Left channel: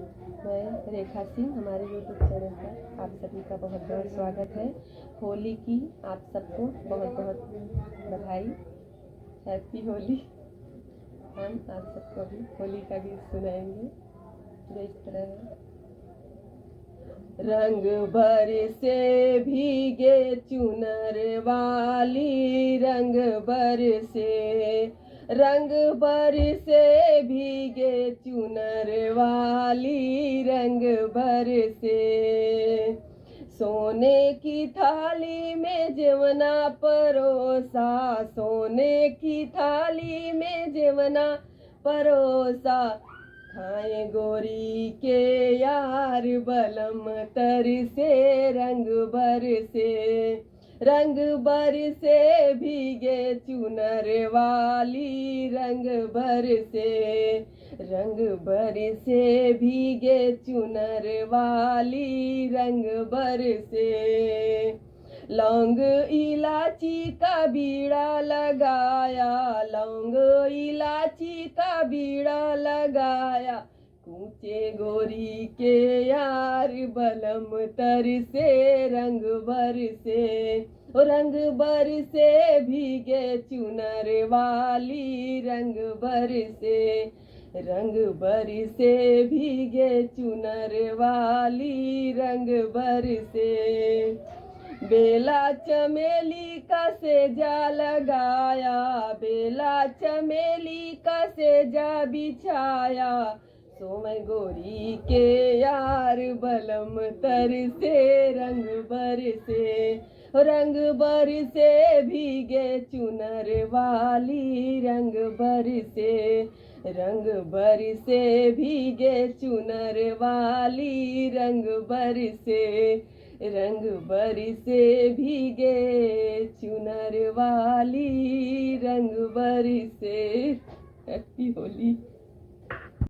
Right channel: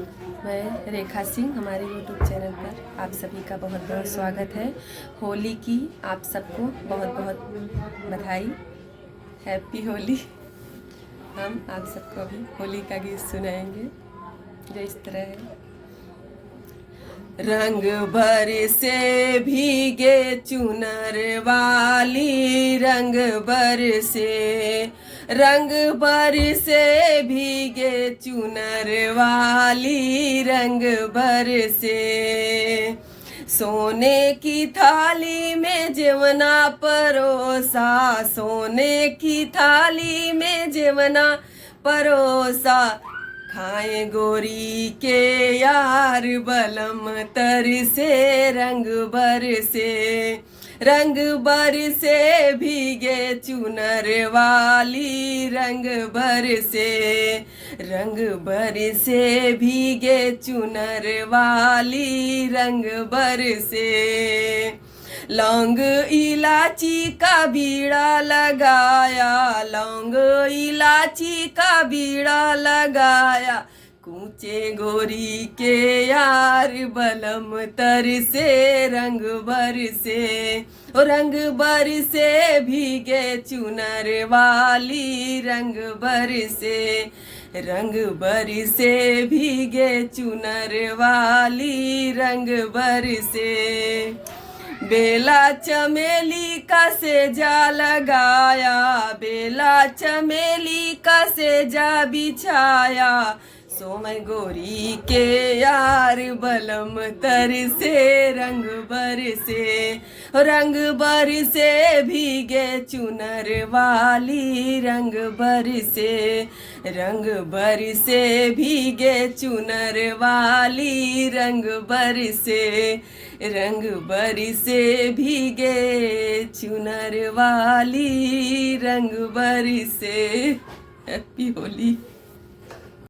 मैं रेखा सिंह, हमारे YouTube channel पर आप सभी का बहुत बहुत स्वागत है। होली की आप सबको बहुत बहुत बधाई। हैप्पी होली। हम आप सबको भी होली का गीत सुनाएंगे जो इस तरह है। रंग भर से भीगे चुनर वाली, रंग भर से भीगे चुनर वाली, रंग भर से सोने की थाली में जेवना परोसा, सोने की थाली में जेवना परोसा, खाए गोरी के यार बलम तर से, रंग बर से भीगे चुनर वाली, रंग बर से भीगे चुनर वाली, रंग बर से लौंग इलाची का बीड़ा लगाया, लौंग इलाची का बीड़ा लगाया, कूचे गोरी के यार बलम तर से, रंग बर से भीगे चुनर वाली, रंग बर से भीगे चुनर वाली, रंग बर से बेला चमेली का सेजा लगाया, बेला चमेली का सेजा बिछाया, सोमय गोरी के यार बलम तर से, रंग बर से भीगे चुनर वाली, रंग बर से भीगे चुनर वाली, रंग बर से भीगे चुनर वाली, रंग बर से। हैप्पी होली।